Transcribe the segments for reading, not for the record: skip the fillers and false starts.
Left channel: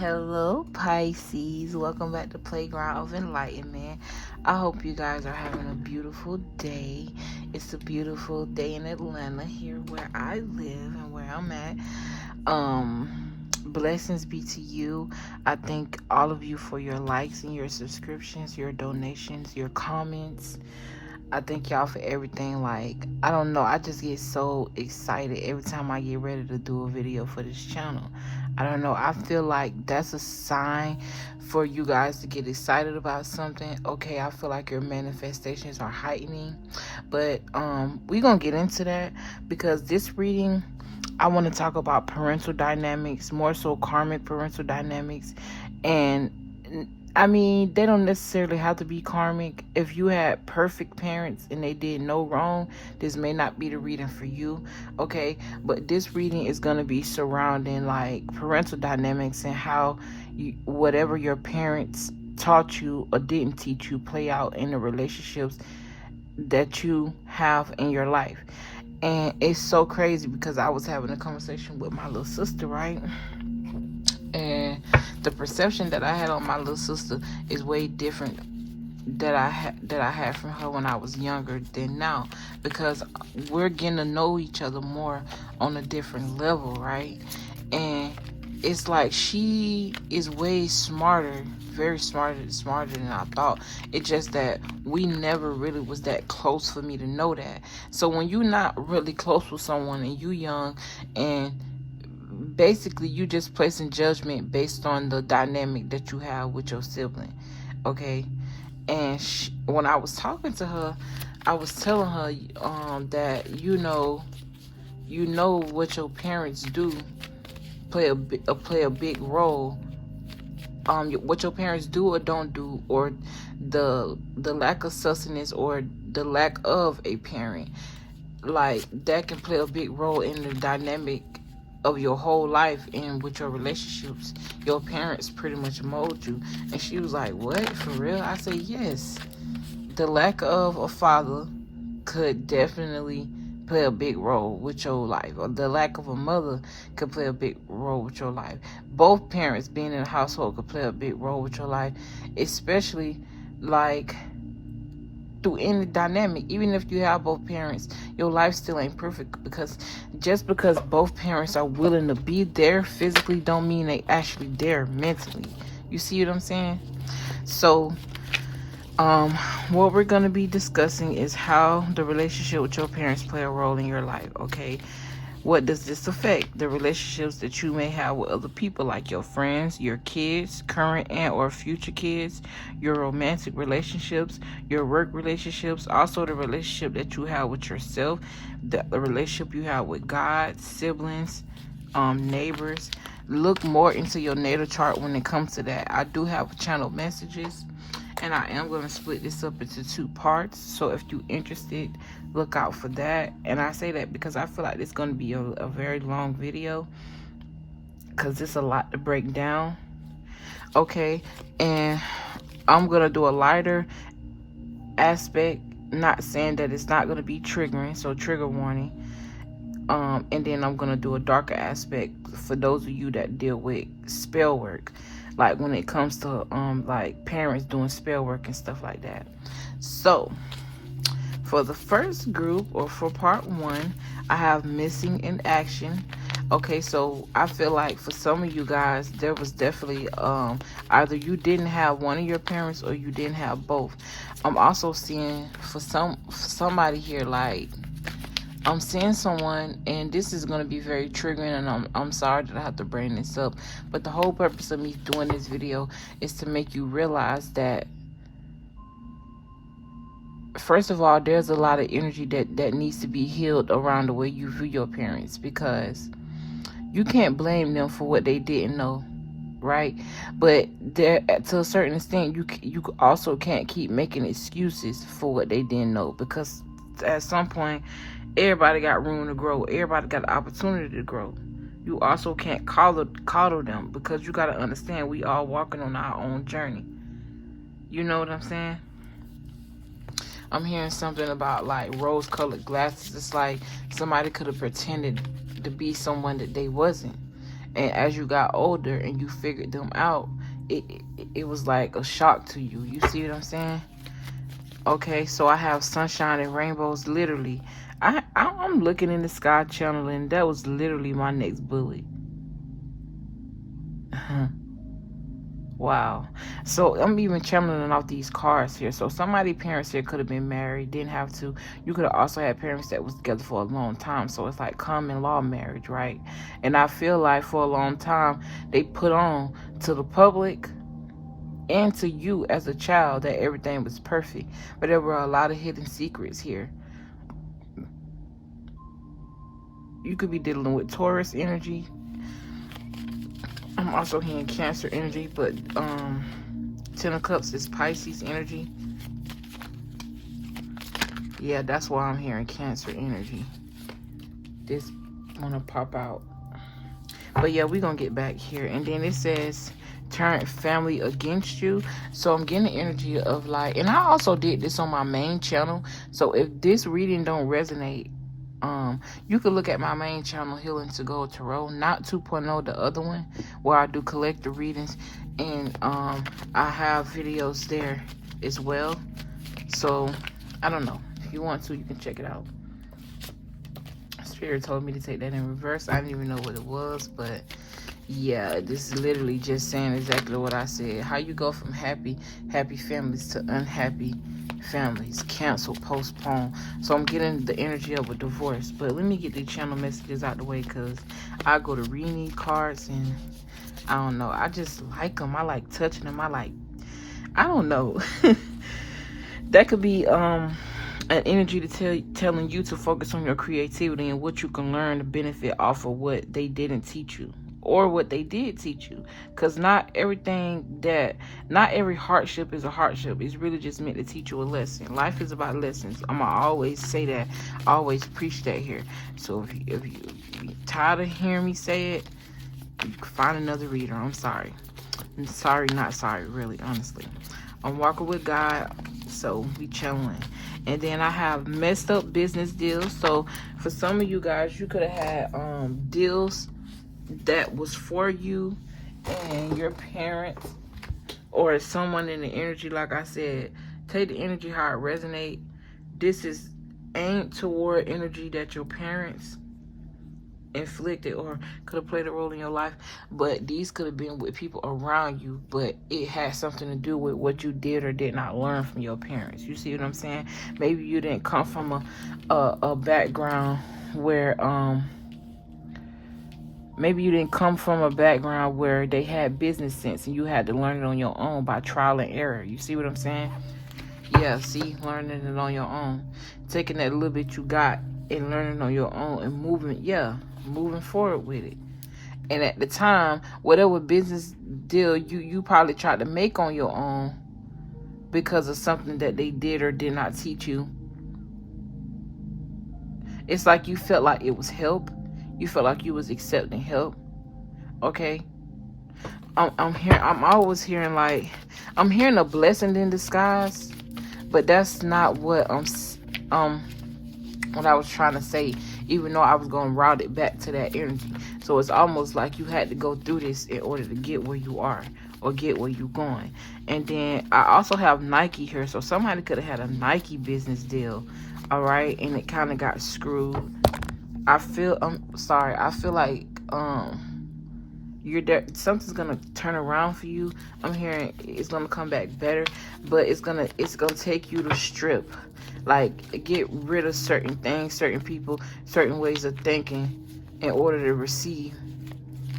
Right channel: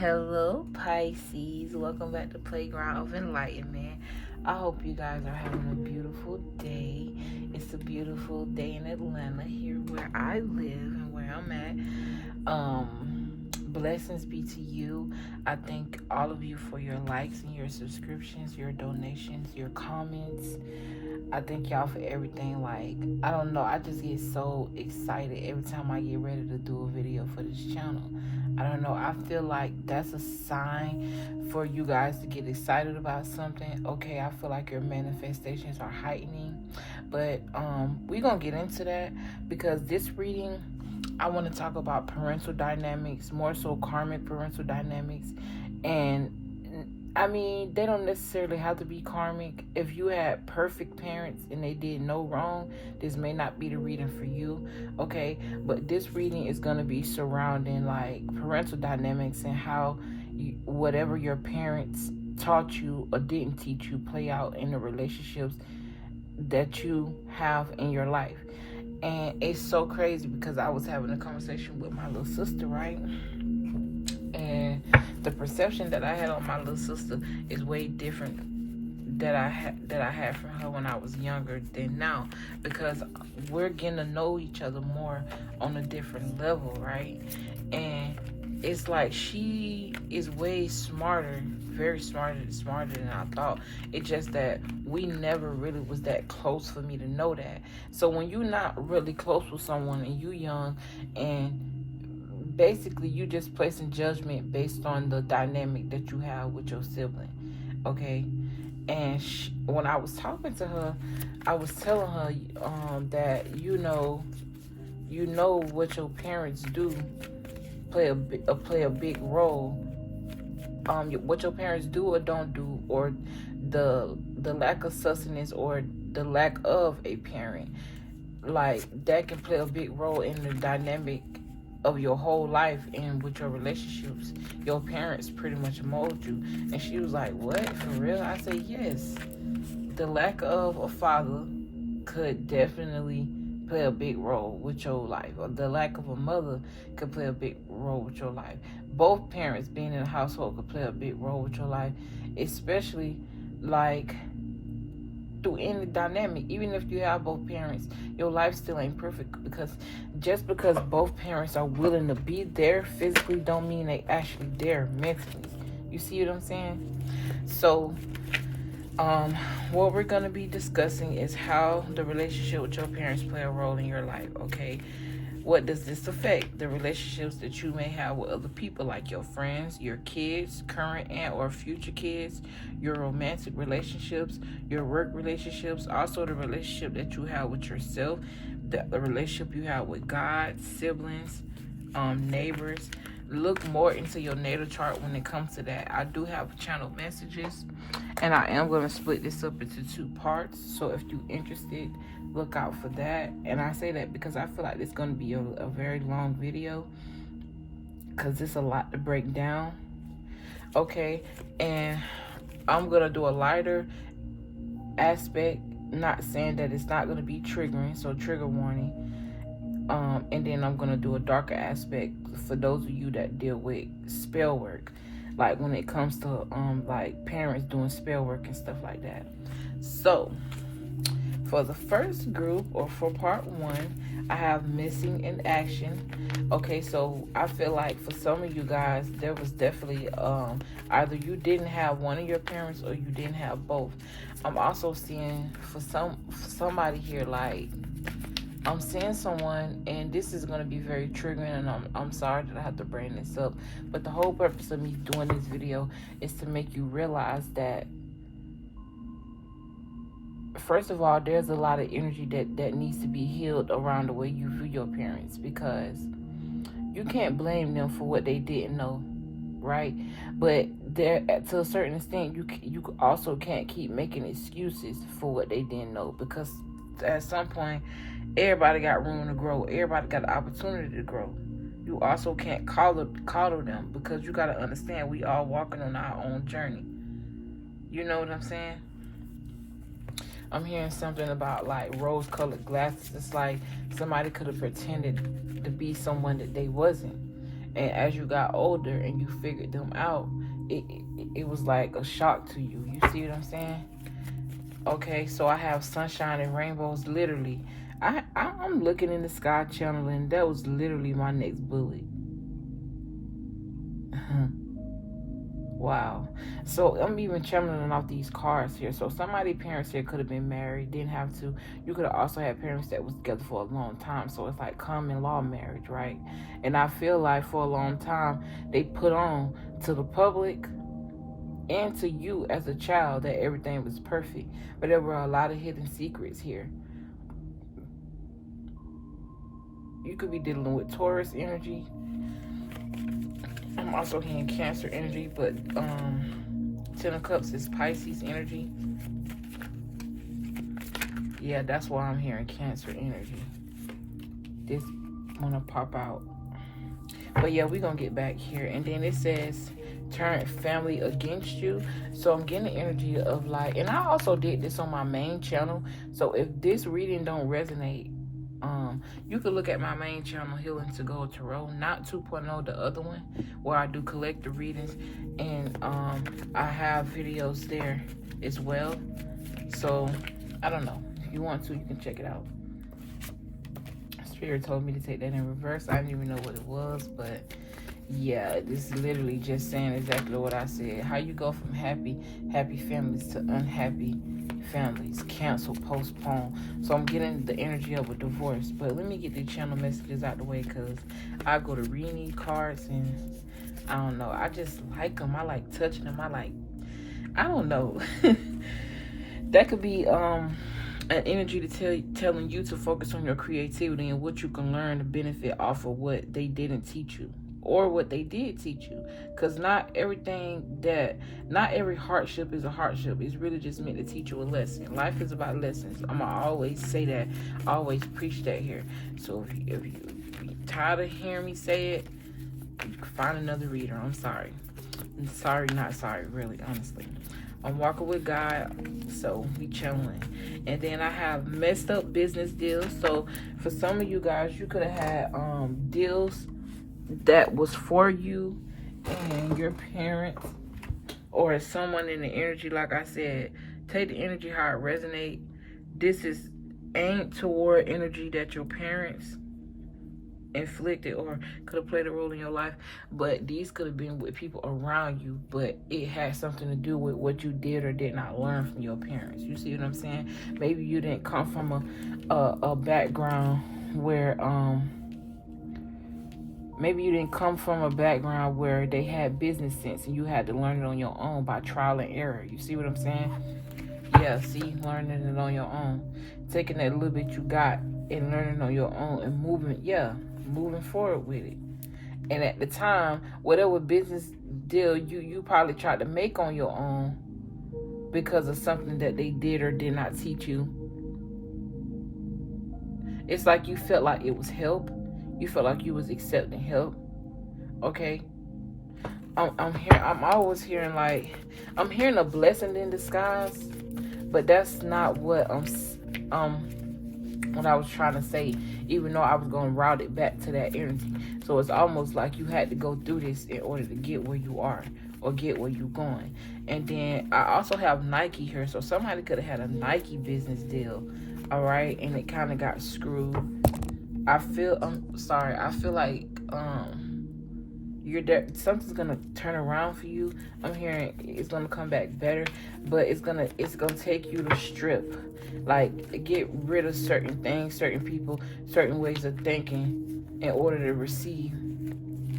Hello Pisces, welcome back to Playground of Enlightenment. I hope you guys are having a beautiful day. It's a beautiful day in Atlanta, here where I live and where I'm at. Blessings be to you. I thank all of you for your likes and your subscriptions, your donations, your comments. I thank y'all for everything. Like, I don't know, I just get so excited every time I get ready to do a video for this channel. I don't know, I feel like that's a sign for you guys to get excited about something. Okay, I feel like your manifestations are heightening. But we're gonna get into that, because this reading, I want to talk about parental dynamics, more so karmic parental dynamics. And I mean, they don't necessarily have to be karmic. If you had perfect parents and they did no wrong, this may not be the reading for you, okay? But this reading is going to be surrounding like parental dynamics and how whatever your parents taught you or didn't teach you play out in the relationships that you have in your life. And it's so crazy because I was having a conversation with my little sister, right? And the perception that I had on my little sister is way different that I had from her when I was younger than now, because we're getting to know each other more on a different level, right? And it's like she is way smarter, very smarter than I thought. It's just that we never really was that close for me to know that. So when you're not really close with someone and you young, and basically you just placing judgment based on the dynamic that you have with your sibling, okay? And when I was talking to her, I was telling her that you know what your parents do play a big role. What your parents do or don't do, or the lack of sustenance or the lack of a parent, like that can play a big role in the dynamic of your whole life and with your relationships. Your parents pretty much mold you. And she was like, what, for real? I said, yes. The lack of a father could definitely play a big role with your life, or the lack of a mother could play a big role with your life. Both parents being in a household could play a big role with your life, especially like through any dynamic. Even if you have both parents, your life still ain't perfect, because just because both parents are willing to be there physically don't mean they actually there mentally. You see what I'm saying? So what we're going to be discussing is how the relationship with your parents play a role in your life, okay? What does this affect? The relationships that you may have with other people, like your friends, your kids, current and or future kids, your romantic relationships, your work relationships, also the relationship that you have with yourself, the relationship you have with God, siblings, neighbors. Look more into your natal chart when it comes to that. I do have channel messages, and I am going to split this up into 2 parts. So if you're interested, look out for that. And I say that because I feel like it's going to be a very long video, because it's a lot to break down. Okay, and I'm going to do a lighter aspect, not saying that it's not going to be triggering, so trigger warning. And then I'm going to do a darker aspect for those of you that deal with spell work, like when it comes to like parents doing spell work and stuff like that. So for the first group, or for part 1, I have missing in action. Okay, so I feel like for some of you guys, there was definitely either you didn't have one of your parents or you didn't have both. I'm also seeing for somebody here, like I'm seeing someone, and this is going to be very triggering, and I'm sorry that I have to bring this up, but the whole purpose of me doing this video is to make you realize that, first of all, there's a lot of energy that needs to be healed around the way you view your parents, because you can't blame them for what they didn't know, right? But there, to a certain extent, you also can't keep making excuses for what they didn't know, because at some point, everybody got room to grow. Everybody got the opportunity to grow. You also can't coddle them, because you got to understand we all walking on our own journey. You know what I'm saying? I'm hearing something about like rose-colored glasses. It's like somebody could have pretended to be someone that they wasn't. And as you got older and you figured them out, it was like a shock to you. You see what I'm saying? Okay, so I have sunshine and rainbows. Literally, I'm looking in the sky channeling. That was literally my next bullet. Wow. So I'm even channeling off these cards here. So somebody's parents here could have been married, didn't have to. You could have also had parents that was together for a long time. So it's like common law marriage, right? And I feel like for a long time they put on to the public and to you as a child that everything was perfect. But there were a lot of hidden secrets here. You could be dealing with Taurus energy. I'm also hearing Cancer energy, but Ten of Cups is Pisces energy. Yeah, that's why I'm hearing Cancer energy. This gonna pop out. But yeah, we're gonna get back here. And then it says turn family against you. So I'm getting the energy of like, and I also did this on my main channel. So if this reading don't resonate, you can look at my main channel, Healing to Go Tarot, not 2.0, the other one, where I do collective readings, and I have videos there as well. So I don't know, if you want to, you can check it out. Spirit told me to take that in reverse. I didn't even know what it was, but yeah, this is literally just saying exactly what I said. How you go from happy families to unhappy families. Cancel, postpone. So I'm getting the energy of a divorce. But let me get these channel messages out the way, because I go to read these cards and I don't know. I just like them. I like touching them. I don't know. That could be an energy to telling you to focus on your creativity and what you can learn to benefit off of what they didn't teach you, or what they did teach you. Because not every hardship is a hardship. It's really just meant to teach you a lesson. Life is about lessons. I'm gonna always say that. I always preach that here. So if you're tired of hearing me say it, you can find another reader. I'm sorry. I'm sorry, not sorry, really, honestly. I'm walking with God, so we chilling. And then I have messed up business deals. So for some of you guys, you could have had deals that was for you and your parents, or someone in the energy. Like I said, take the energy how it resonates. This is aimed toward energy that your parents inflicted or could have played a role in your life, but these could have been with people around you, but it has something to do with what you did or did not learn from your parents. You see what I'm saying? Maybe you didn't come from a background where they had business sense and you had to learn it on your own by trial and error. You see what I'm saying? Yeah, see, learning it on your own, taking that little bit you got and learning on your own and moving forward with it. And at the time, whatever business deal you probably tried to make on your own because of something that they did or did not teach you, it's like you felt like it was help. You felt like you was accepting help. Okay? I'm always hearing I'm hearing a blessing in disguise, but that's not what what I was trying to say, even though I was going to route it back to that energy. So it's almost like you had to go through this in order to get where you are or get where you're going. And then I also have Nike here. So somebody could have had a Nike business deal, all right, and it kind of got screwed. I feel like you're there, something's gonna turn around for you. I'm hearing it's gonna come back better, but it's gonna take you to strip, like get rid of certain things, certain people, certain ways of thinking in order to receive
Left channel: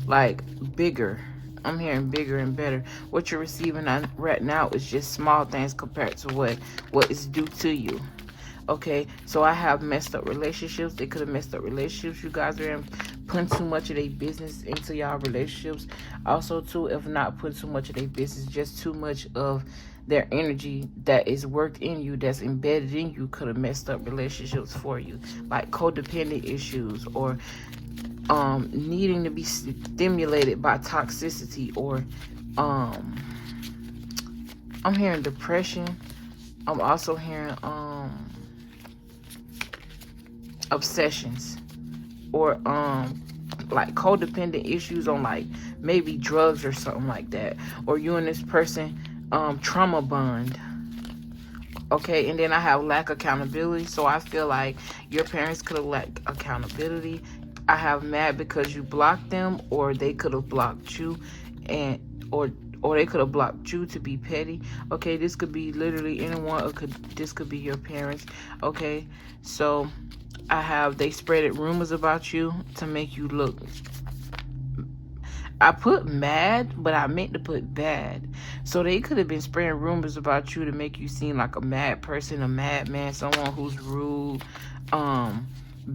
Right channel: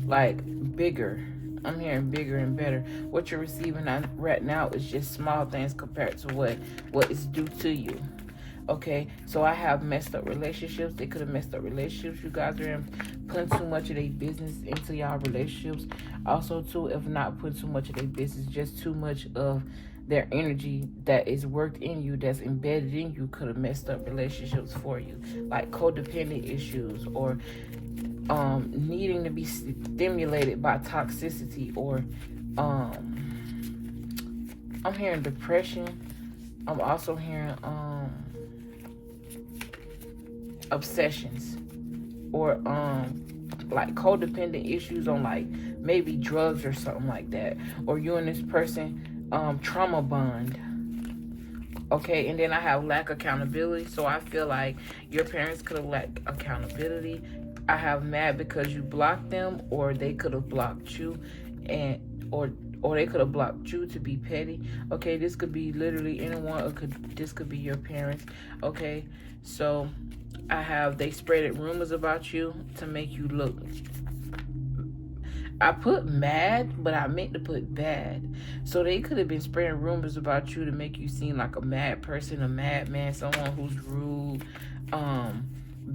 like bigger. I'm hearing bigger and better. What you're receiving right now is just small things compared to what is due to you. Okay, so I have messed up relationships. They could have messed up relationships. You guys are putting too much of their business into y'all relationships. Also, too, if not putting too much of their business, just too much of their energy that is worked in you, that's embedded in you, could have messed up relationships for you. Like codependent issues, or needing to be stimulated by toxicity, or I'm hearing depression. I'm also hearing obsessions, or like codependent issues on like maybe drugs or something like that, or you and this person trauma bond. Okay, and then I have lack accountability. So I feel like your parents could have lacked accountability. I have mad because you blocked them, or they could have blocked you, and or they could have blocked you to be petty. Okay, this could be literally anyone, or this could be your parents. Okay, so I have they spreaded rumors about you to make you look. I put mad, but I meant to put bad. So they could have been spreading rumors about you to make you seem like a mad person, a madman, someone who's rude.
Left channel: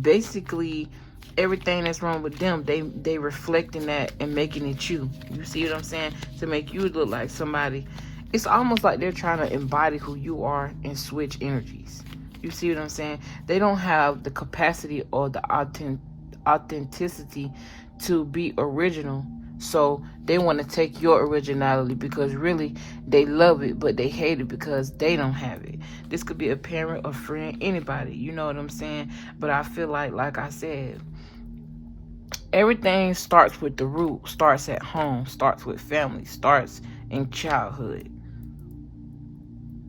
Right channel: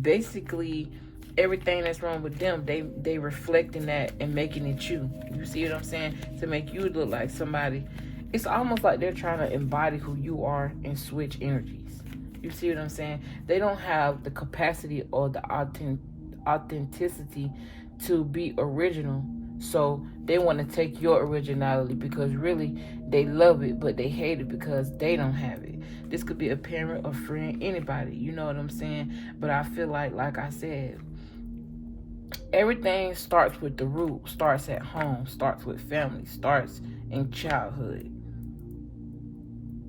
Basically, everything that's wrong with them, they reflecting that and making it you. You see what I'm saying? To make you look like somebody. It's almost like they're trying to embody who you are and switch energies. You see what I'm saying? They don't have the capacity or the authenticity to be original. So they want to take your originality because really they love it, but they hate it because they don't have it. This could be a parent, a friend, anybody. You know what I'm saying? But I feel like I said, everything starts with the root, starts at home, starts with family, starts in childhood.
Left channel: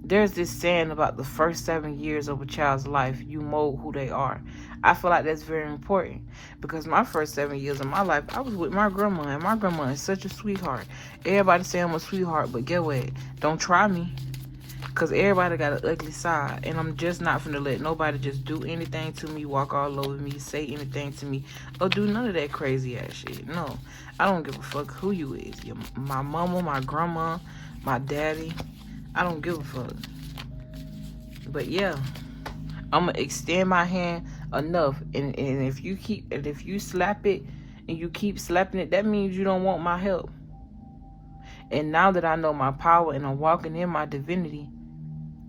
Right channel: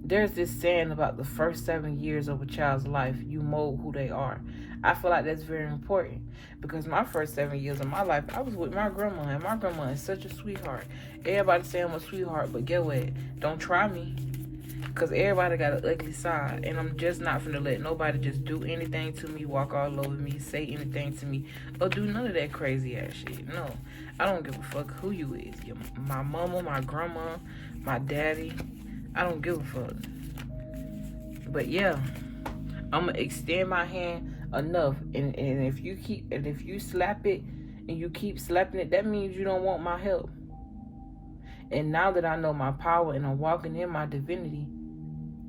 There's this saying about the first 7 years of a child's life, you mold who they are. I feel like that's very important because my first 7 years of my life, I was with my grandma, and my grandma is such a sweetheart. Everybody say I'm a sweetheart, but get what? Don't try me, because everybody got an ugly side, and I'm just not finna let nobody just do anything to me, walk all over me, say anything to me, or do none of that crazy ass shit. No, I don't give a fuck who you is. My mama, my grandma, my daddy. I don't give a fuck. But yeah, I'm gonna extend my hand enough, and if you slap it and you keep slapping it, that means you don't want my help. And now that I know my power and I'm walking in my divinity,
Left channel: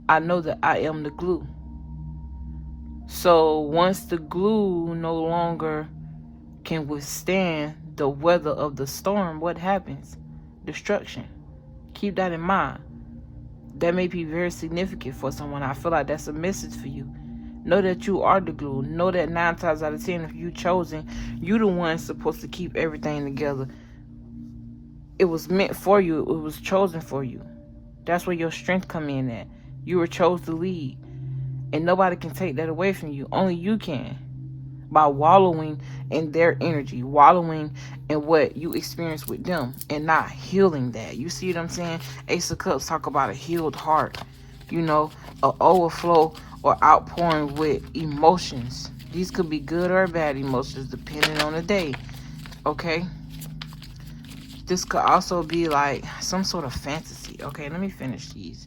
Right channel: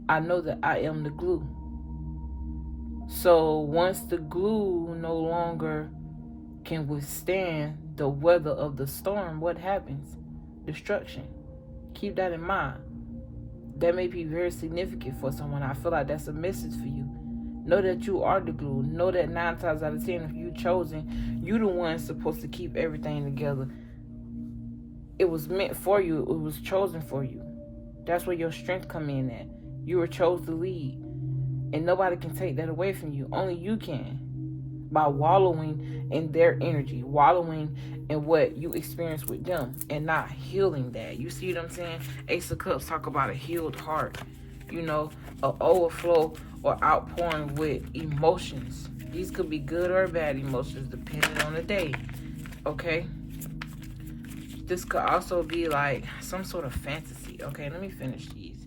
I know that I am the glue. So once the glue no longer can withstand the weather of the storm, what happens? Destruction. Keep that in mind. That may be very significant for someone. I feel like that's a message for you. Know that you are the glue. Know that 9 times out of 10, if you chosen, you the one supposed to keep everything together. It was meant for you. It was chosen for you. That's where your strength come in at. You were chosen to lead. And nobody can take that away from you. Only you can. By wallowing in their energy, wallowing in what you experience with them, and not healing that. You see what I'm saying? Ace of Cups talk about a healed heart, you know, an overflow or outpouring with emotions. These could be good or bad emotions depending on the day. Okay, this could also be like some sort of fantasy. Okay, let me finish these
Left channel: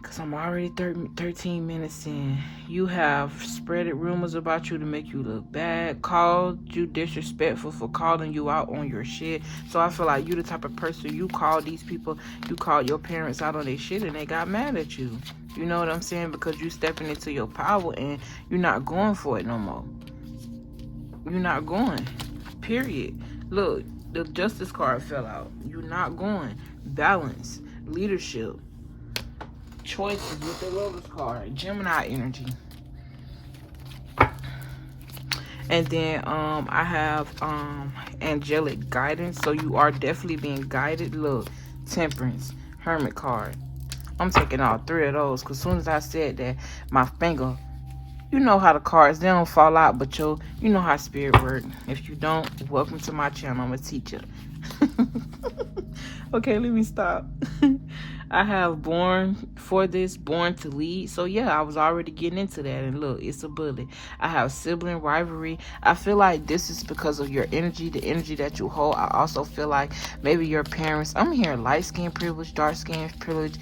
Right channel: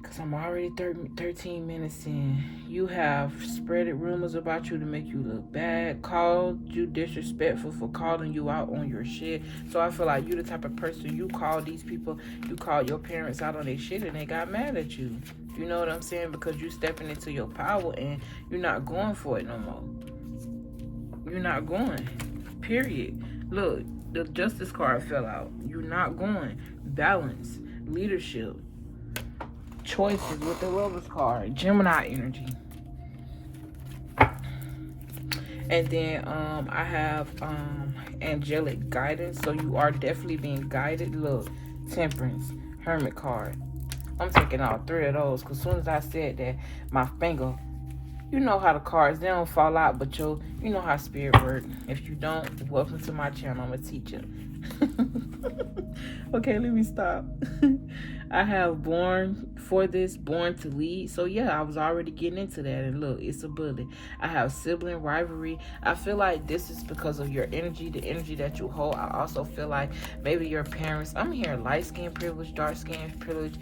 because I'm already 13 minutes in. You have spreaded rumors about you to make you look bad, called you disrespectful for calling you out on your shit. So I feel like you the type of person, you call these people, you called your parents out on their shit and they got mad at you. You know what I'm saying? Because you stepping into your power and you're not going for it no more. You're not going. Period. Look, the Justice card fell out. You're not going. Balance. Leadership. Choices with the Lotus card. Gemini energy. And then I have angelic guidance. So you are definitely being guided. Look, Temperance. Hermit card. I'm taking all 3 of those because as soon as I said that, my finger, you know how the cards, they don't fall out, but you know how spirit works. If you don't, welcome to my channel. I'm a teacher. Okay, let me stop. I have born for this, born to lead. So yeah, I was already getting into that. And look, it's a bullet. I have sibling rivalry. I feel like this is because of your energy, the energy that you hold. I also feel like maybe your parents, I'm hearing light skin privilege, dark skin privilege.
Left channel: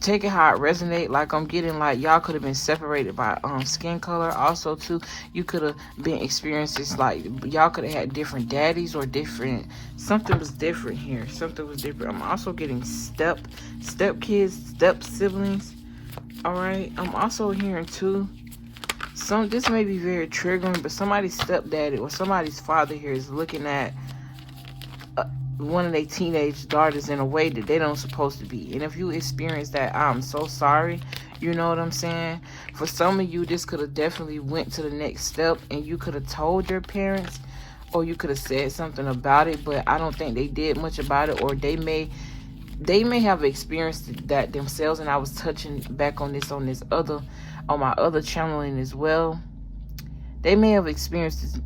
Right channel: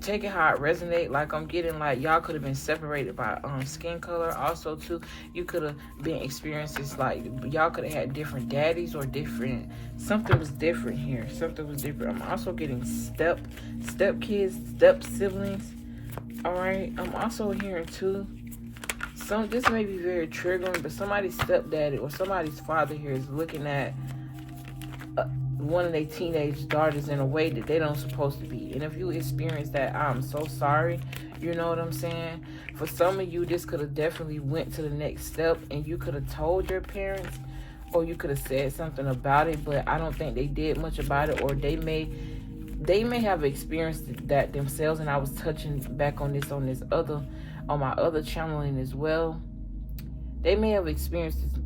Take it how it resonate. Like I'm getting like y'all could have been separated by skin color. Also too, you could have been experiences like y'all could have had different daddies or different, something was different here. Something was different. I'm also getting step kids, step siblings. All right. I'm also hearing too, this may be very triggering, but somebody's stepdaddy or somebody's father here is looking at one of their teenage daughters in a way that they don't supposed to be. And if you experience that, I'm so sorry. You know what I'm saying? For some of you, this could have definitely went to the next step and you could have told your parents, or you could have said something about it, but I don't think they did much about it, or they may have experienced that themselves. And I was touching back on my other channeling as well. They may have experienced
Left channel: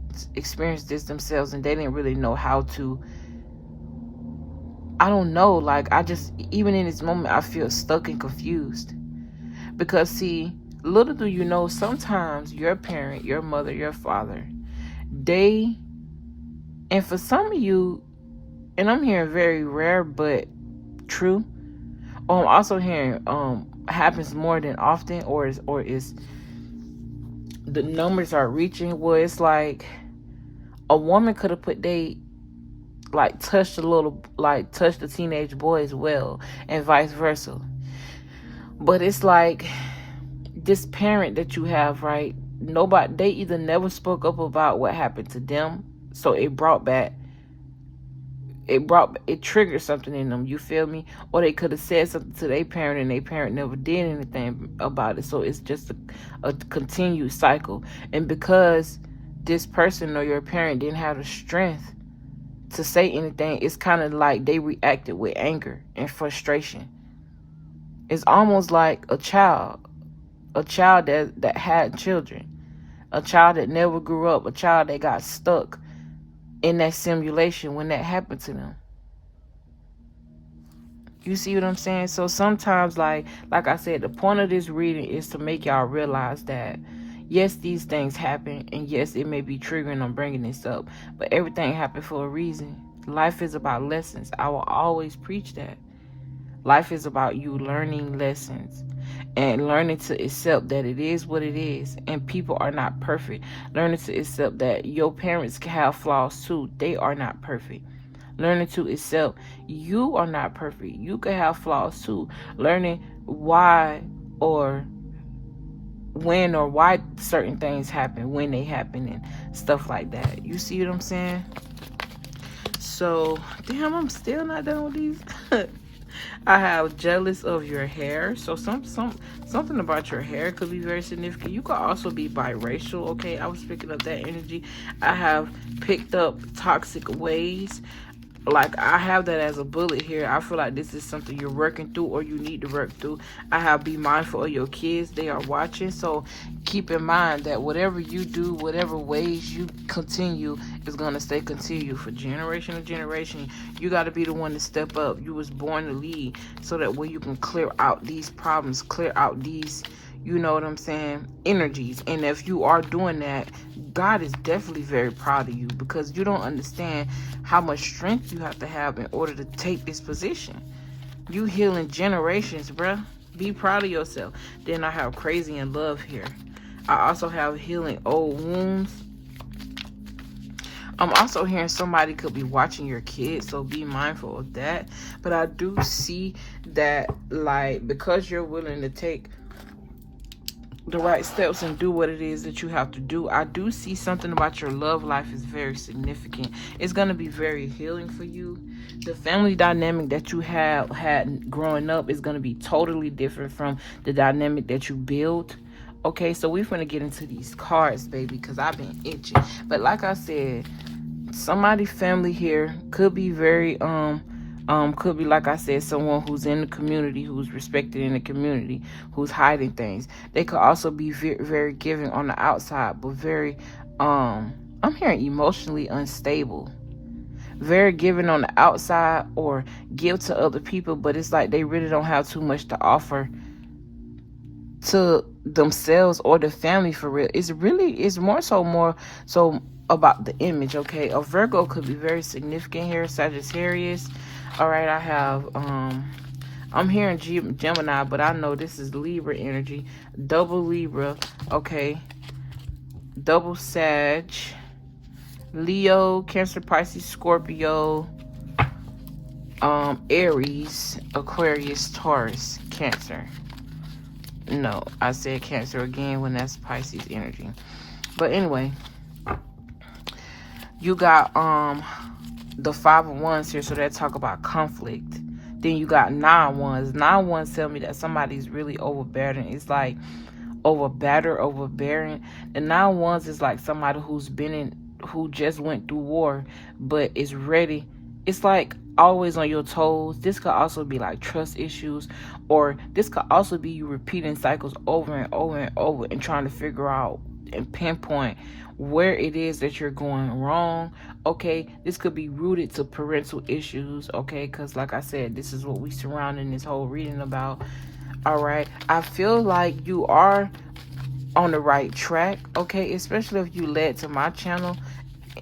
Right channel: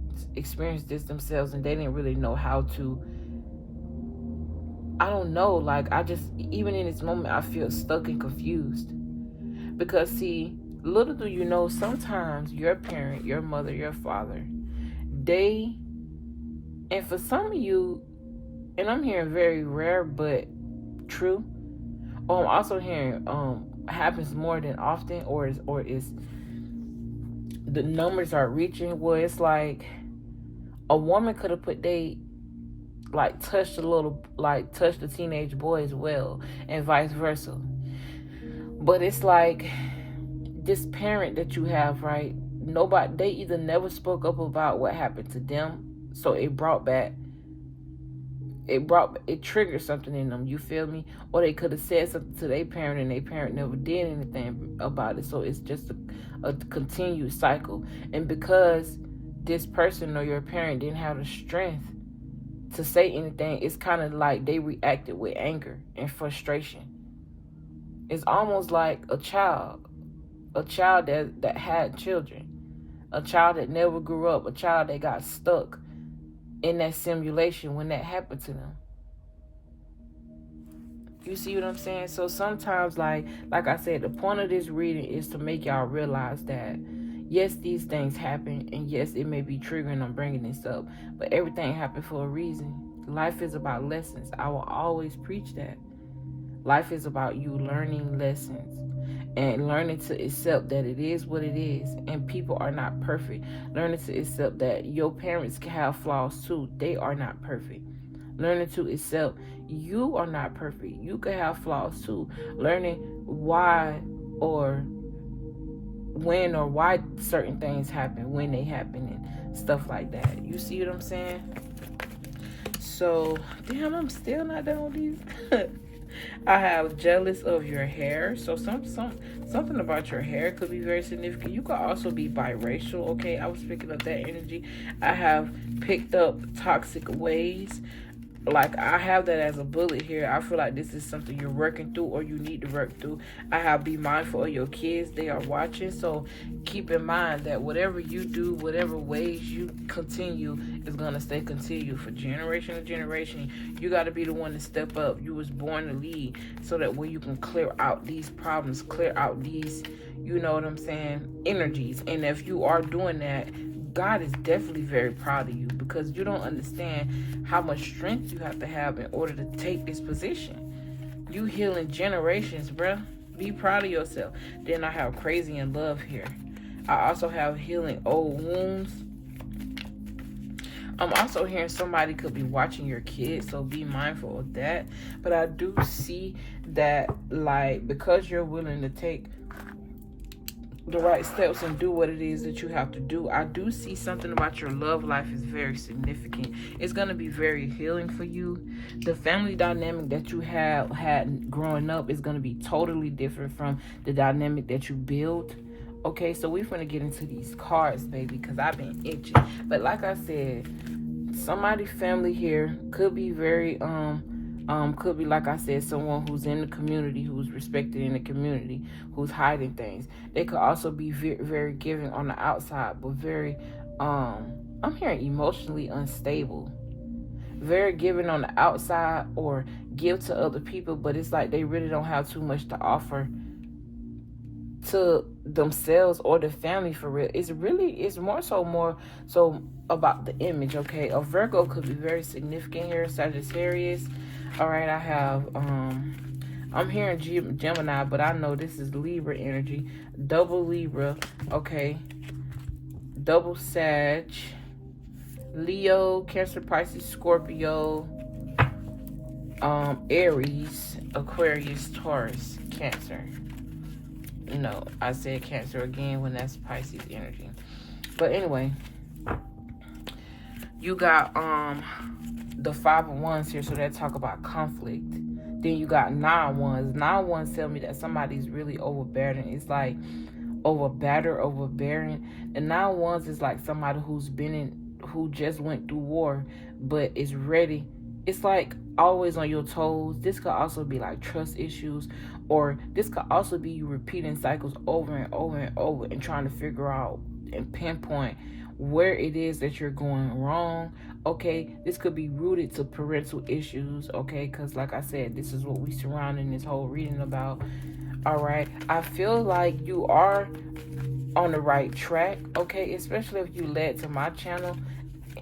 this themselves, and they didn't really know how to. I don't know. Like, even in this moment, I feel stuck and confused. Because, see, little do you know, sometimes your parent, your mother, your father, and for some of you, and I'm hearing very rare but true, I'm also hearing happens more than often, or is the numbers are reaching where it's like a woman could have put touch the teenage boy as well, and vice versa. But it's like this parent that you have, right? They either never spoke up about what happened to them, so it triggered something in them, you feel me? Or they could have said something to their parent, and their parent never did anything about it, so it's just a continued cycle. And because this person or your parent didn't have the strength to say anything, it's kind of like they reacted with anger and frustration. It's almost like a child that had children, a child that never grew up, a child that got stuck in that simulation when that happened to them. You see what I'm saying? So sometimes, like I said, the point of this reading is to make y'all realize that yes, these things happen, and yes, it may be triggering. I'm bringing this up, but everything happened for a reason. Life is about lessons. I will always preach that. Life is about you learning lessons and learning to accept that it is what it is, and people are not perfect. Learning to accept that your parents can have flaws too. They are not perfect. Learning to accept you are not perfect. You can have flaws too. Learning why or when or why certain things happen, when they happen, and stuff like that. You see what I'm saying? So, damn, I'm still not done with these. I have jealous of your hair. So something about your hair could be very significant. You could also be biracial, okay? I was picking up that energy. I have picked up toxic ways. Like, I have that as a bullet here. I feel like this is something you're working through, or you need to work through. I have be mindful of your kids. They are watching. So keep in mind that whatever you do, whatever ways you continue, is going to stay continued for generation to generation. You got to be the one to step up. You was born to lead, so that way you can clear out these problems, clear out these, you know what I'm saying, energies. And if you are doing that, God is definitely very proud of you, because you don't understand how much strength you have to have in order to take this position. You healing generations, bruh. Be proud of yourself. Then I have crazy in love here. I also have healing old wounds. I'm also hearing somebody could be watching your kids, so be mindful of that. But I do see that, like, because you're willing to take the right steps and do what it is that you have to do, I do see something about your love life is very significant. It's going to be very healing for you. The family dynamic that you have had growing up is going to be totally different from the dynamic that you build. Okay, so we're going to get into these cards, baby, because I've been itching. But like I said, somebody's family here could be very could be, like I said, someone who's in the community, who's respected in the community, who's hiding things. They could also be very, very giving on the outside, but very, I'm hearing emotionally unstable. Very giving on the outside, or give to other people, but it's like they really don't have too much to offer to themselves or the family for real. It's more so about the image, okay? A Virgo could be very significant here. Sagittarius. All right, I have I'm hearing Gemini, but I know this is Libra energy. Double Libra, okay? Double Sag, Leo, Cancer, Pisces, Scorpio, Aries, Aquarius, Taurus, Cancer. No, I said Cancer again when that's Pisces energy. But anyway, you got the 5 of Wands here, so that talk about conflict. Then you got 9 Wands. 9 Wands tell me that somebody's really overbearing. It's like overbearing. The 9 Wands is like somebody who's been who just went through war but is ready. It's like always on your toes. This could also be like trust issues, or this could also be you repeating cycles over and over and over and trying to figure out and pinpoint where it is that you're going wrong. Okay, this could be rooted to parental issues. Okay, because like I said, this is what we surrounding this whole reading about. All right, I feel like you are on the right track. Okay, especially if you led to my channel,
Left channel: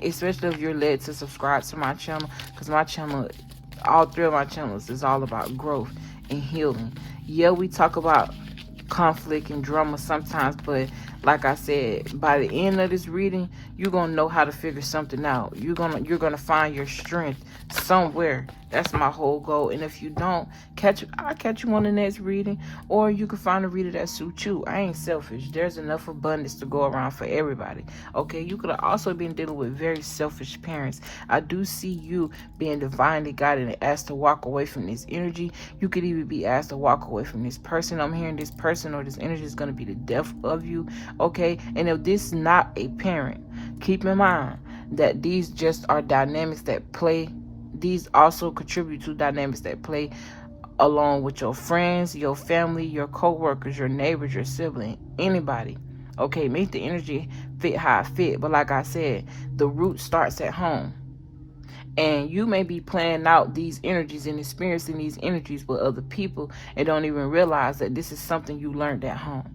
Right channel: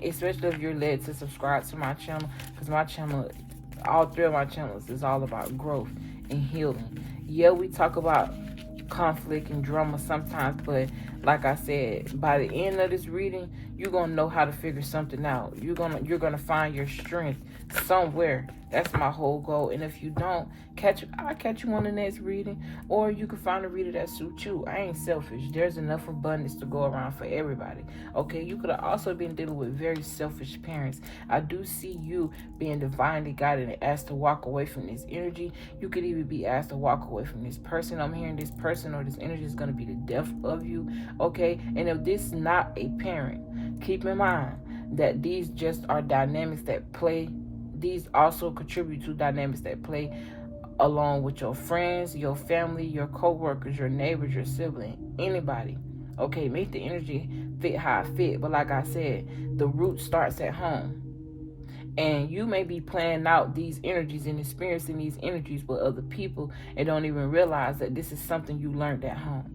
especially if you're led to subscribe to my channel, because my channel, all three of my channels, is all about growth and healing. Yeah, we talk about conflict and drama sometimes, but like I said, by the end of this reading, you're gonna know how to figure something out. You're gonna find your strength somewhere. That's my whole goal. And if you don't, I'll catch you on the next reading, or you can find a reader that suits you. I ain't selfish. There's enough abundance to go around for everybody. Okay, you could have also been dealing with very selfish parents. I do see you being divinely guided and asked to walk away from this energy. You could even be asked to walk away from this person. I'm hearing this person or this energy is going to be the death of you. Okay, and if this is not a parent, keep in mind that these just are dynamics that play. These also contribute to dynamics that play along with your friends, your family, your co-workers, your neighbors, your sibling, anybody. Okay, make the energy fit how it fit. But like I said, the root starts at home. And you may be playing out these energies and experiencing these energies with other people and don't even realize that this is something you learned at home.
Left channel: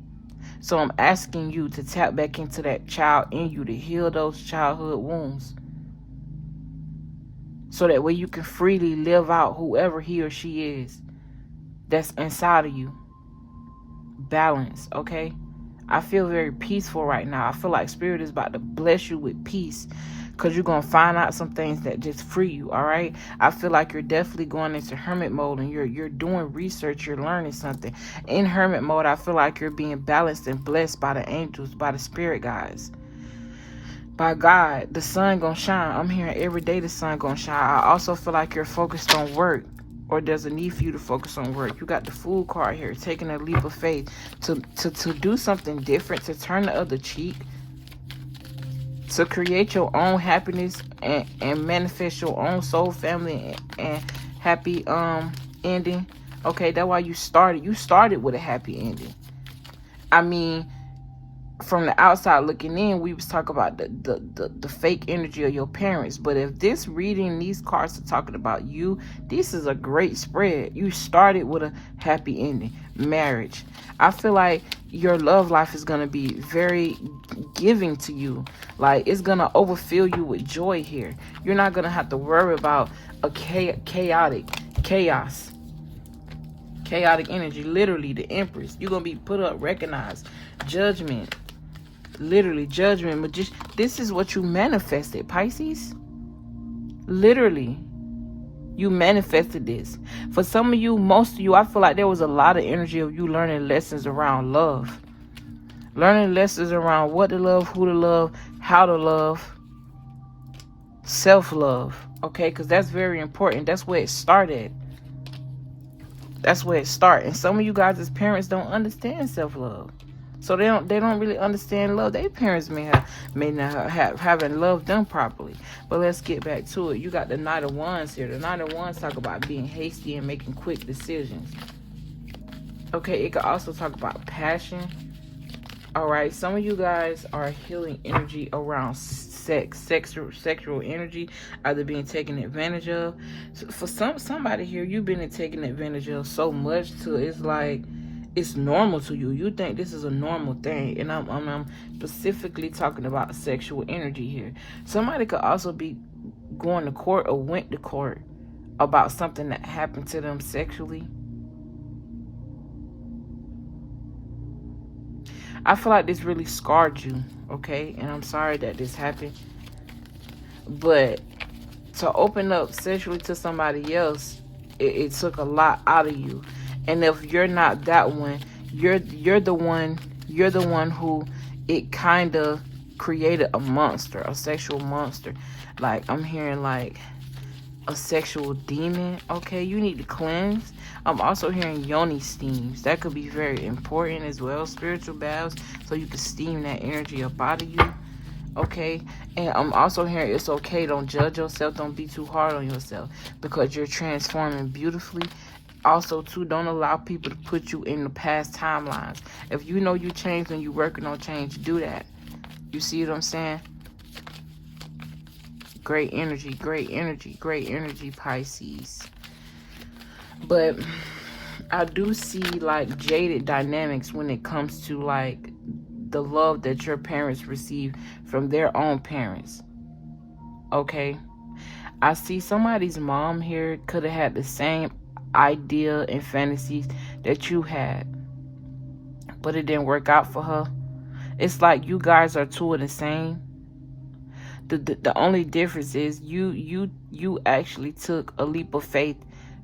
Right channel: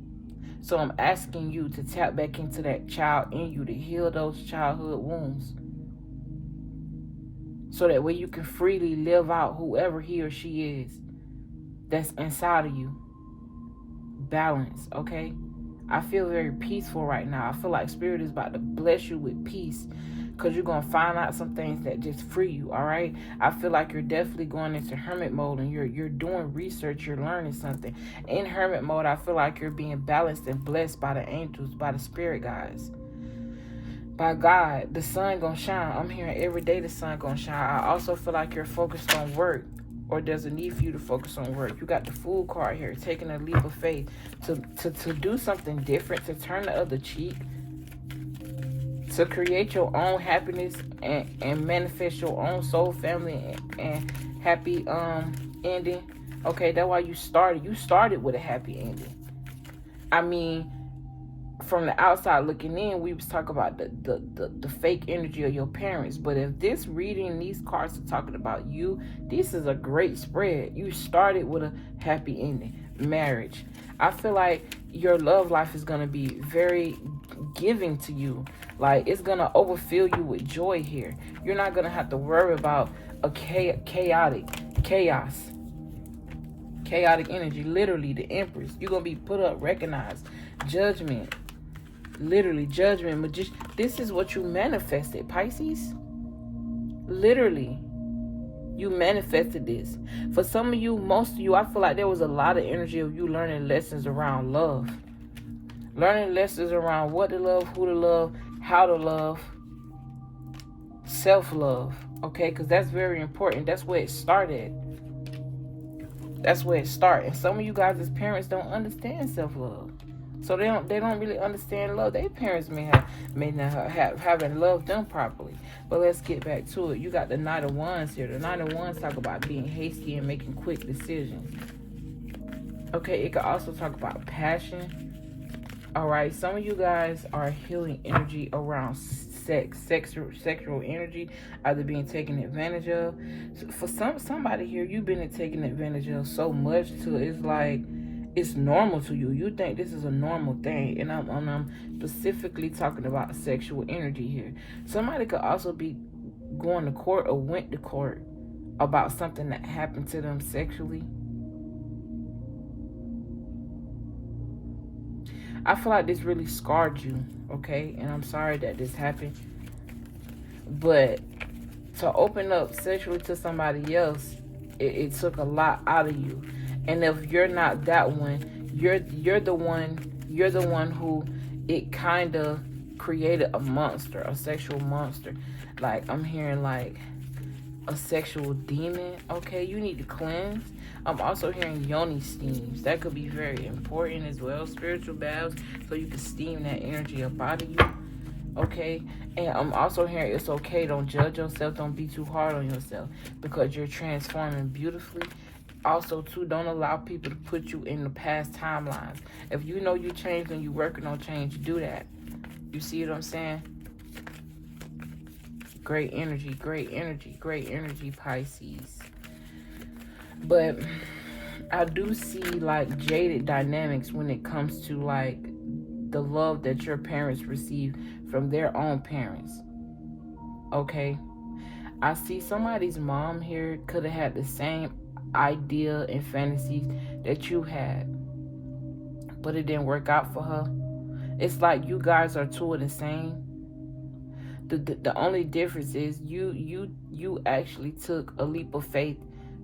So I'm asking you to tap back into that child in you to heal those childhood wounds, so that way you can freely live out whoever he or she is that's inside of you. Balance, okay? I feel very peaceful right now. I feel like Spirit is about to bless you with peace, because you're going to find out some things that just free you, all right? I feel like you're definitely going into hermit mode, and you're doing research, you're learning something. In hermit mode, I feel like you're being balanced and blessed by the angels, by the spirit guides, by God. The sun going to shine. I'm hearing every day the sun going to shine. I also feel like you're focused on work, or there's a need for you to focus on work. You got the Fool card here, taking a leap of faith to do something different, to turn the other cheek, to create your own happiness and manifest your own soul family and happy ending. Okay, that's why you started with a happy ending. I mean, from the outside looking in, we was talking about the fake energy of your parents. But if this reading, these cards are talking about you, this is a great spread. You started with a happy ending. Marriage. I feel like your love life is going to be very giving to you. Like, it's going to overfill you with joy here. You're not going to have to worry about a chaos. Chaotic energy. Literally, the Empress. You're going to be put up, recognized. Judgment. Literally, judgment. But just, this is what you manifested, Pisces. Literally, you manifested this. For some of you, most of you, I feel like there was a lot of energy of you learning lessons around love. Learning lessons around what to love, who to love, how to love, self-love. Okay, because that's very important. That's where it started. That's where it started. And some of you guys as parents don't understand self-love. So they don't really understand love. Their parents may not have haven't loved them properly. But let's get back to it. You got the Knight of Wands here. The Knight of Wands talk about being hasty and making quick decisions. Okay, it could also talk about passion. All right, some of you guys are healing energy around sexual energy, either being taken advantage of. So for somebody here, you've been taken advantage of so much to it's like it's normal to you. You think this is a normal thing, and I'm specifically talking about sexual energy here. Somebody could also be going to court or went to court about something that happened to them sexually. I feel like this really scarred you, okay? And I'm sorry that this happened. But to open up sexually to somebody else, it took a lot out of you. And if you're not that one, you're the one who it kind of created a monster, a sexual monster. Like, I'm hearing like a sexual demon. Okay, you need to cleanse. I'm also hearing yoni steams. That could be very important as well. Spiritual baths, so you can steam that energy up out of you. Okay, and I'm also hearing it's okay. Don't judge yourself. Don't be too hard on yourself because you're transforming beautifully. Also, too, don't allow people to put you in the past timelines. If you know you changed and you're working on change, do that. You see what I'm saying? Great energy, great energy, great energy, Pisces. But I do see like jaded dynamics when it comes to like the love that your parents receive from their own parents. Okay, I see somebody's mom here could have had the same idea and fantasies that you had, but it didn't work out for her. It's like you guys are two of the same. The only difference is you actually took a leap of faith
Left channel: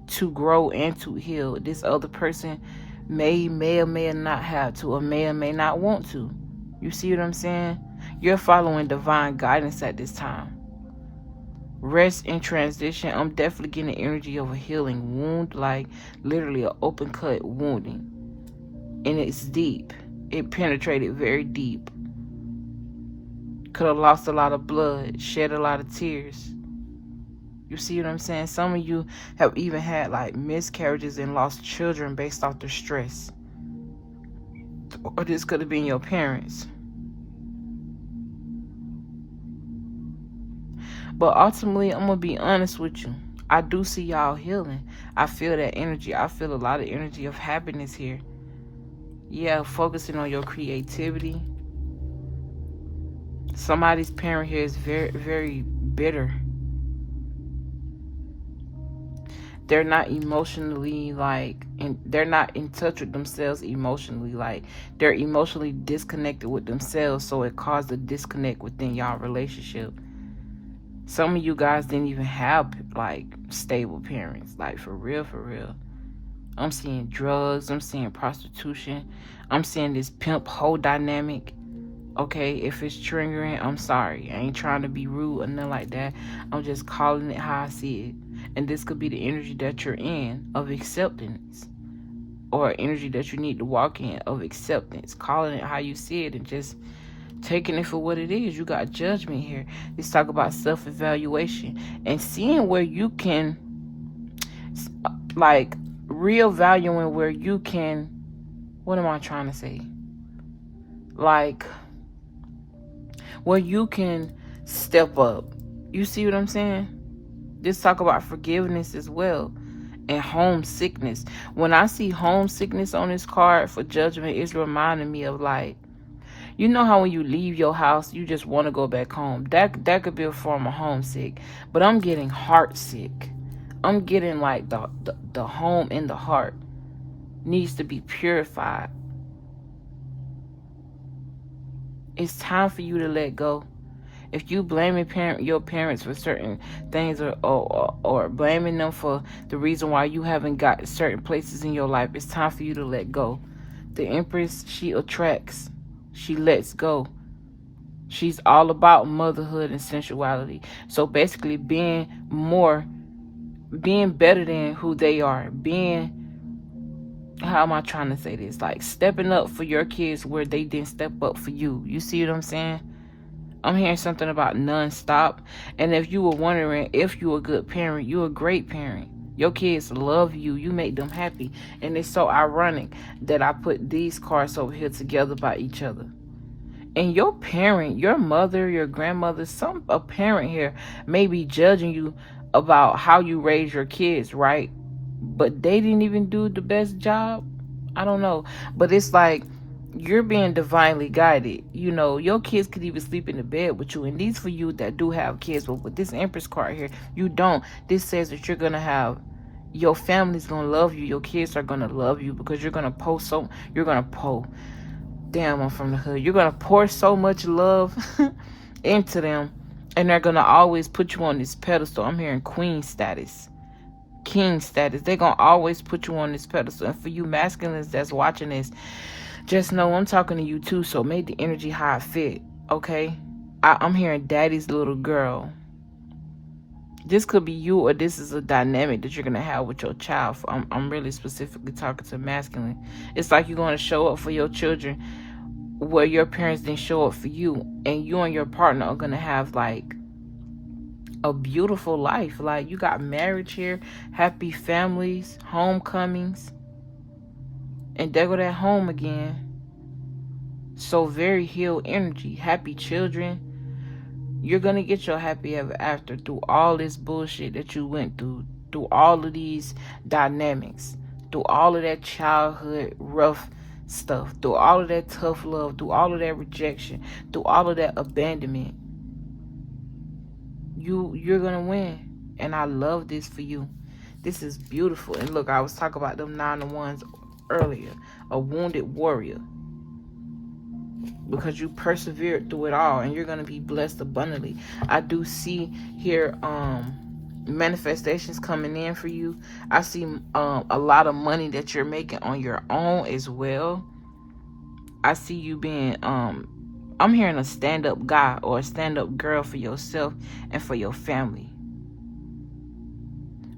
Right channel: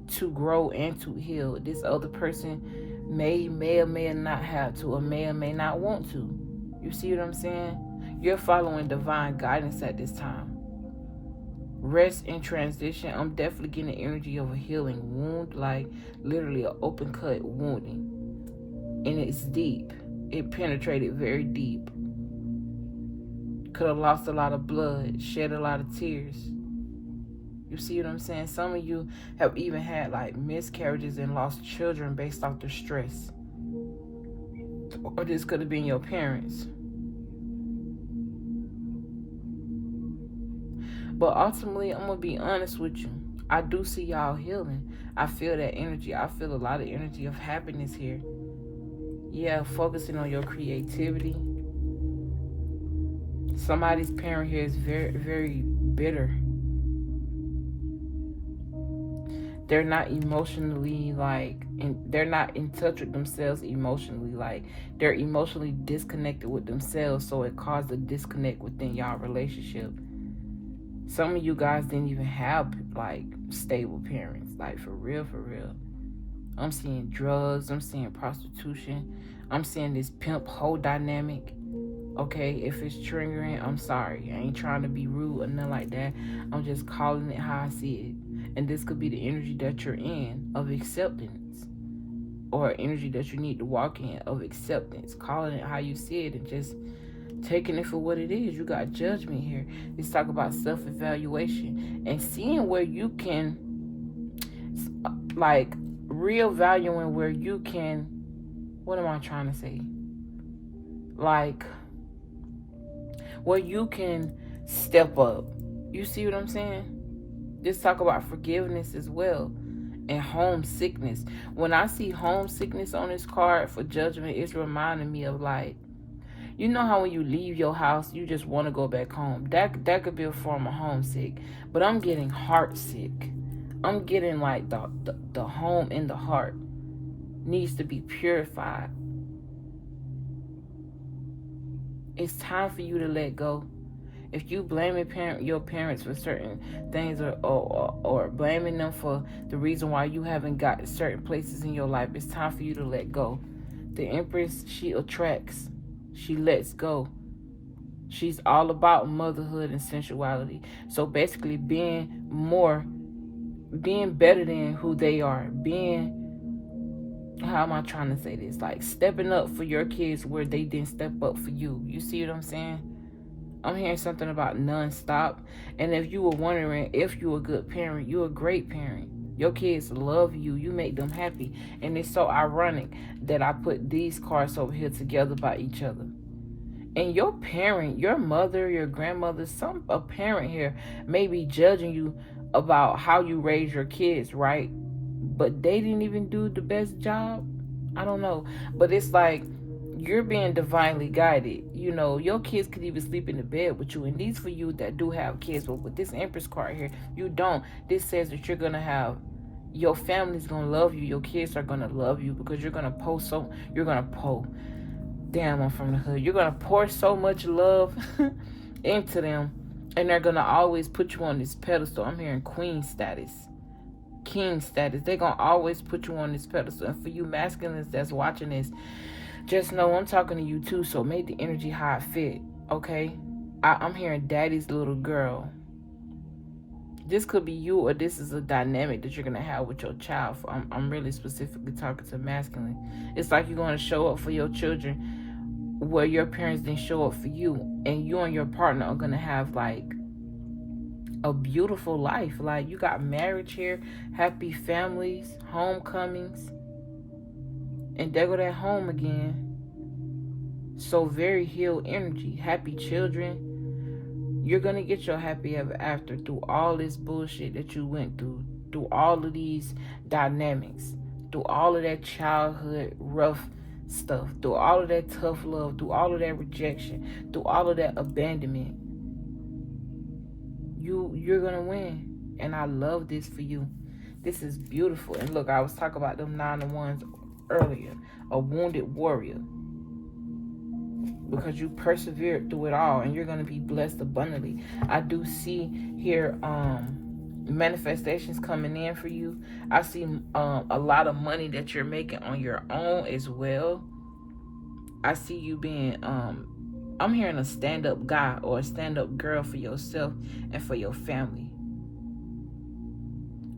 to grow and to heal. This other person may or may not have to, or may not want to. You see what I'm saying? You're following divine guidance at this time. Rest and transition. I'm definitely getting the energy of a healing wound, like literally an open cut wounding, and it's deep. It penetrated very deep. Could have lost a lot of blood, shed a lot of tears. You see what I'm saying? Some of you have even had like miscarriages and lost children based off the stress. Or this could have been your parents. But ultimately, I'm going to be honest with you. I do see y'all healing. I feel that energy. I feel a lot of energy of happiness here. Yeah, focusing on your creativity. Somebody's parent here is very, very bitter. They're not emotionally they're not in touch with themselves emotionally. Like they're emotionally disconnected with themselves, so it caused a disconnect within y'all relationship. Some of you guys didn't even have like stable parents, like for real, for real. I'm seeing drugs, I'm seeing prostitution, I'm seeing this pimp hoe dynamic. Okay, if it's triggering, I'm sorry. I ain't trying to be rude or nothing like that. I'm just calling it how I see it. And this could be the energy that you're in of acceptance, or energy that you need to walk in of acceptance. Calling it how you see it and just taking it for what it is. You got judgment here. Let's talk about self-evaluation and seeing where you can, like, reevaluating where you can, what am I trying to say? Like, where you can step up. You see what I'm saying? Let's talk about forgiveness as well. And homesickness. When I see homesickness on this card for judgment, it's reminding me of like, you know how when you leave your house, you just want to go back home. That could be a form of homesick. But I'm getting heartsick. I'm getting like the home in the heart needs to be purified. It's time for you to let go. If you blaming your parents for certain things or blaming them for the reason why you haven't got certain places in your life, it's time for you to let go. The Empress, she attracts. She lets go. She's all about motherhood and sensuality. So basically being better than who they are. How am I trying to say this? Like stepping up for your kids where they didn't step up for you. You see what I'm saying? I'm hearing something about non-stop. And if you were wondering if you're a good parent, you're a great parent. Your kids love you. You make them happy. And it's so ironic that I put these cards over here together by each other. And your parent, your mother, your grandmother, a parent here may be judging you about how you raise your kids, right? But they didn't even do the best job. I don't know. But it's like you're being divinely guided. You know, your kids could even sleep in the bed with you. And these for you that do have kids. But with this Empress card here, you don't. This says that you're going to have, your family's going to love you. Your kids are going to love you because you're going to damn, I'm from the hood. You're going to pour so much love into them. And they're going to always put you on this pedestal. I'm hearing queen status. King status. They're going to always put you on this pedestal. And for you masculines that's watching this, just know I'm talking to you too. So make the energy how it fit. Okay? I'm hearing daddy's little girl. This could be you, or this is a dynamic that you're going to have with your child. I'm really specifically talking to masculine. It's like you're going to show up for your children where your parents didn't show up for you, and you and your partner are gonna have like a beautiful life. Like, you got marriage here, happy families, homecomings, and there go that home again. So very healed energy, happy children. You're gonna get your happy ever after through all this bullshit that you went through all of these dynamics, through all of that childhood rough stuff, through all of that tough love, through all of that rejection, through all of that abandonment. You're gonna win, and I love this for you. This is beautiful. And look, I was talking about them 9 of Wands earlier, a wounded warrior, because you persevered through it all, and you're gonna be blessed abundantly. I do see here manifestations coming in for you. I see a lot of money that you're making on your own as well. I see you being I'm hearing a stand-up guy or a stand-up girl for yourself and for your family.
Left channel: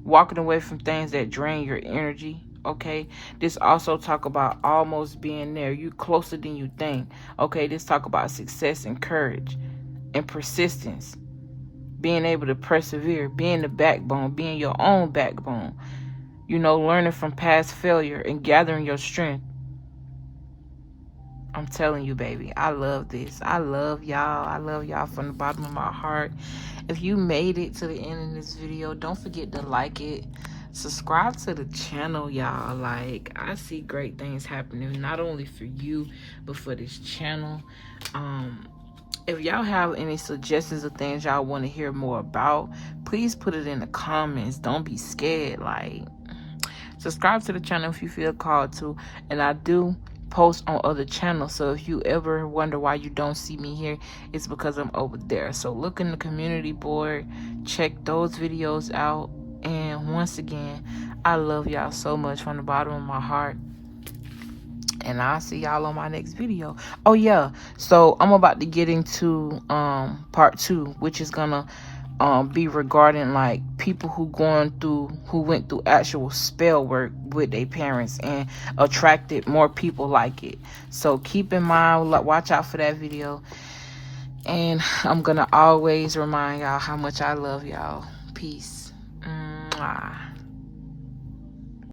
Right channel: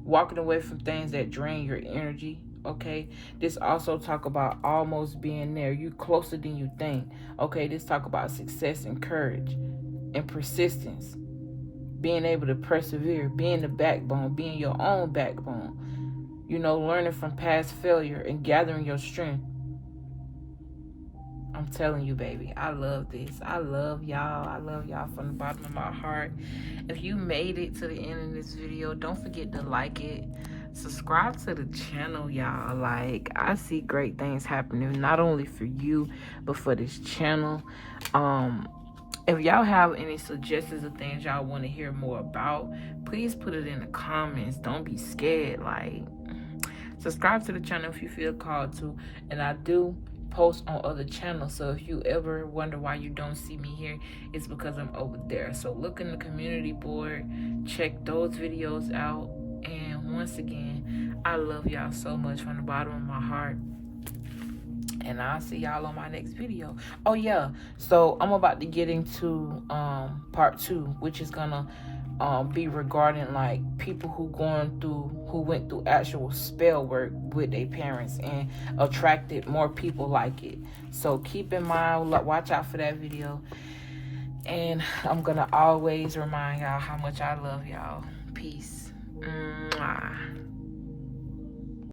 Walking away from things that drain your energy, okay? This also talk about almost being there. You closer than you think, okay? This talk about success and courage and persistence. Being able to persevere, being the backbone, being your own backbone. You know, learning from past failure and gathering your strength. I'm telling you, baby, I love this. I love y'all. I love y'all from the bottom of my heart. If you made it to the end of this video, don't forget to like it. Subscribe to the channel, y'all. Like, I see great things happening, not only for you, but for this channel. If y'all have any suggestions of things y'all want to hear more about, please put it in the comments. Don't be scared. Like, subscribe to the channel if you feel called to. And I do post on other channels, so if you ever wonder why you don't see me here, it's because I'm over there. So look in the community board, check those videos out. And once again, I love y'all so much from the bottom of my heart, and I'll see y'all on my next video. Oh yeah, so I'm about to get into part 2, which is gonna be regarding like people who went through actual spell work with their parents and attracted more people like it. So keep in mind, watch out for that video, and I'm gonna always remind y'all how much I love y'all. Peace. Mwah.